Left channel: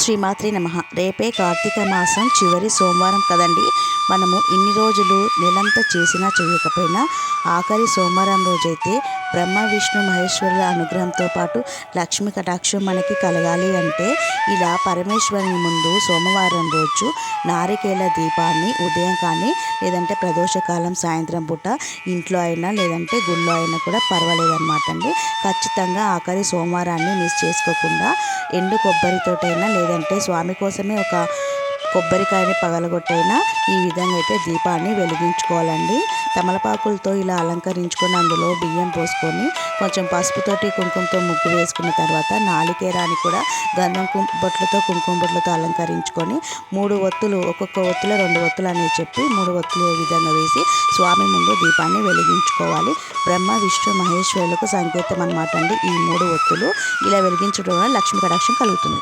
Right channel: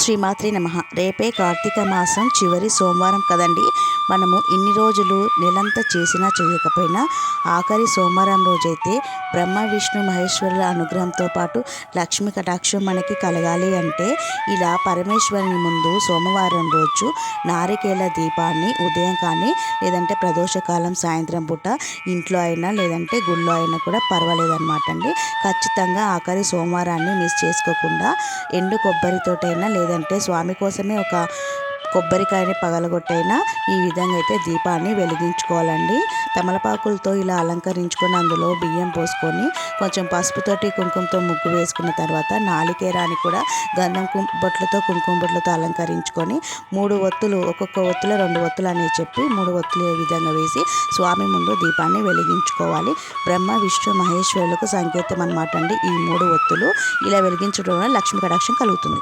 శ్రీమాత్రే నమః. రేపే కార్తీక మాసం చివరి సోమవారం కదండి. మనము ఇన్ని రోజులు నెలంతా చేసినా చేయకపోయినా ఆఖరి సోమవారం రోజైతే బ్రహ్మ విష్ణు మహేశ్వరుల అనుగ్రహంతో పాటు లక్ష్మీ కటాక్షం మనకి కలగాలి అంటే ఇలా పరమేశ్వరుని ముందు సోమవారం రోజు నారికేల దీపాన్ని ఉదయం కానీ లేదంటే ప్రదోషకాలం సాయంత్రం పూట ఇంట్లో అయినా లేదంటే గుళ్ళో అయినా కూడా పర్వాలేదన్నమాట అండి. ఖచ్చితంగా ఆఖరి సోమవారాన్ని మిస్ చేసుకోకుండా ఎండు కొబ్బరితోటైనా లేదంటే స్వామి కోసమే ఒక కొబ్బరికాయని పగలగొట్టైనా ఈ విధంగా అయితే దీపాన్ని వెలిగించుకోవాలండి. తమలపాకులతో ఇలా అలంకరించుకొని అందులో బియ్యం పోసుకొని కొంచెం పసుపుతోటి కుంకుమతో ముగ్గు వేసుకున్న తర్వాత నాలికేరాన్ని కూడా గంధం బొట్లతో కుంకుమ బొట్లతో అలంకరించుకొని 3 ఒత్తులు, ఒక్కొక్క ఒత్తులో 2 ఒత్తులు అనేది చెప్పి 3 ఒత్తులు ఈ విధంగా వేసి స్వామి ముందు దీపాన్ని వెలిగించుకోవాలి. బ్రహ్మ విష్ణు మహేశ్వరులకు సంకేతం అన్నమాట అండి ఈ 3 ఒత్తులు. ఇలా వెలిగించడం వల్ల లక్ష్మీ కటాక్షం కలుగుతుంది.